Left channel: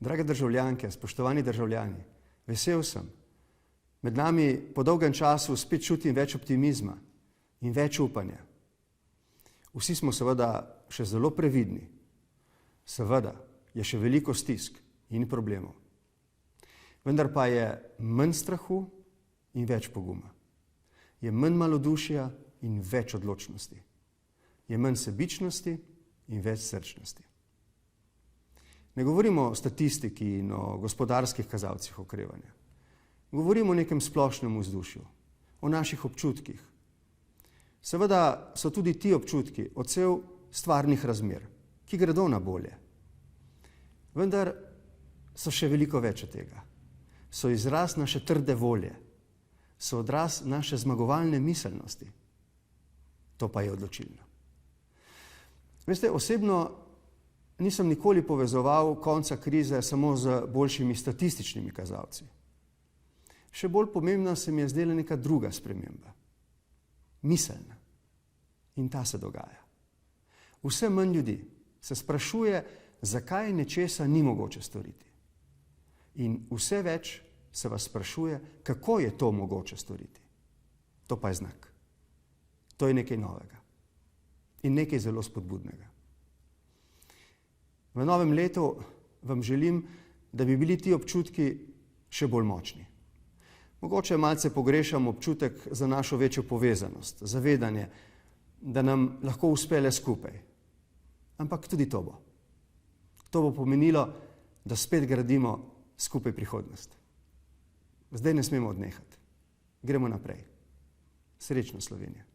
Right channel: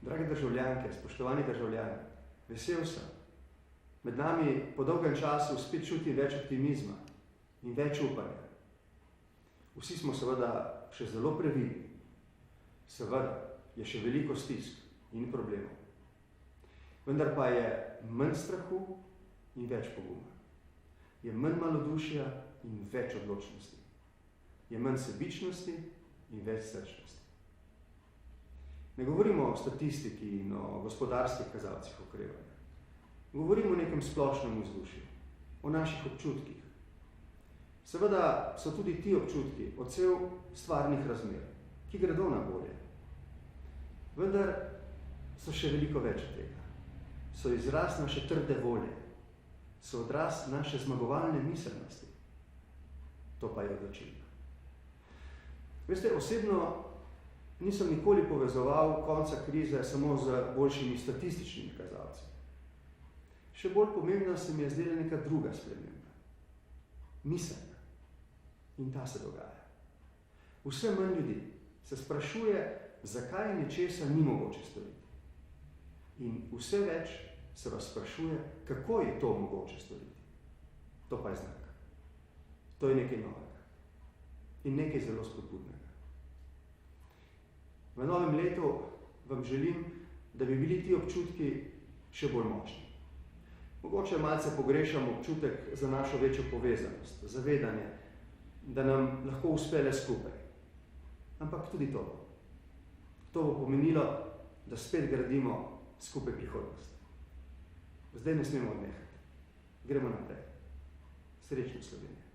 Drage državljanke, spoštovani državljani, vesel sem. Med nami po dolgem času spet čutim več optimizma in več upanja. Vsi smo seveda še zelo previdni. Seveda je še veliko stisk in problemov. Vendar pa je manj strahu in več poguma. Je manj malodušja in več odločnosti. Je manj sebičnosti in več srčnosti. Ne govorimo o statistiki in o gospodarskih kazalcih okrevanja. Govorimo o nekem splošnem vzdušju, o naših občutkih. Seveda so tudi ti občutki odsev stvarnih razmer, ki gredo na bolje. Vendar so še veliko več od tega. So izraz naše trde volje, so odraz naše zmagovalne miselnosti. To pa je odločilno. Veste, osebno nisem nikoli povezoval konca krize samo z boljšimi statističnimi kazalci. Še bolj pomembna se mi je zdela neka druga sprememba. Miselna. In ta se dogaja. Vse manj ljudi se sprašuje, zakaj nečesa ni mogoče storiti. In vse več se vas sprašuje, kako je to mogoče storiti. To pa je znak. To je nekaj novega. In nekaj zelo spodbudnega. V novem letu vam želim, da bi bili ti občutki še bolj močni. Mogoče malce pogrešam občutek za našo večjo povezanost, zavedanje, da nam lahko uspe le skupaj. Ampak tudi to bo. To bo pomenilo, da spet gradimo skupaj prihodnost. Zdaj ne smemo odnehati. Gremo naprej. Srečno, Slovenija.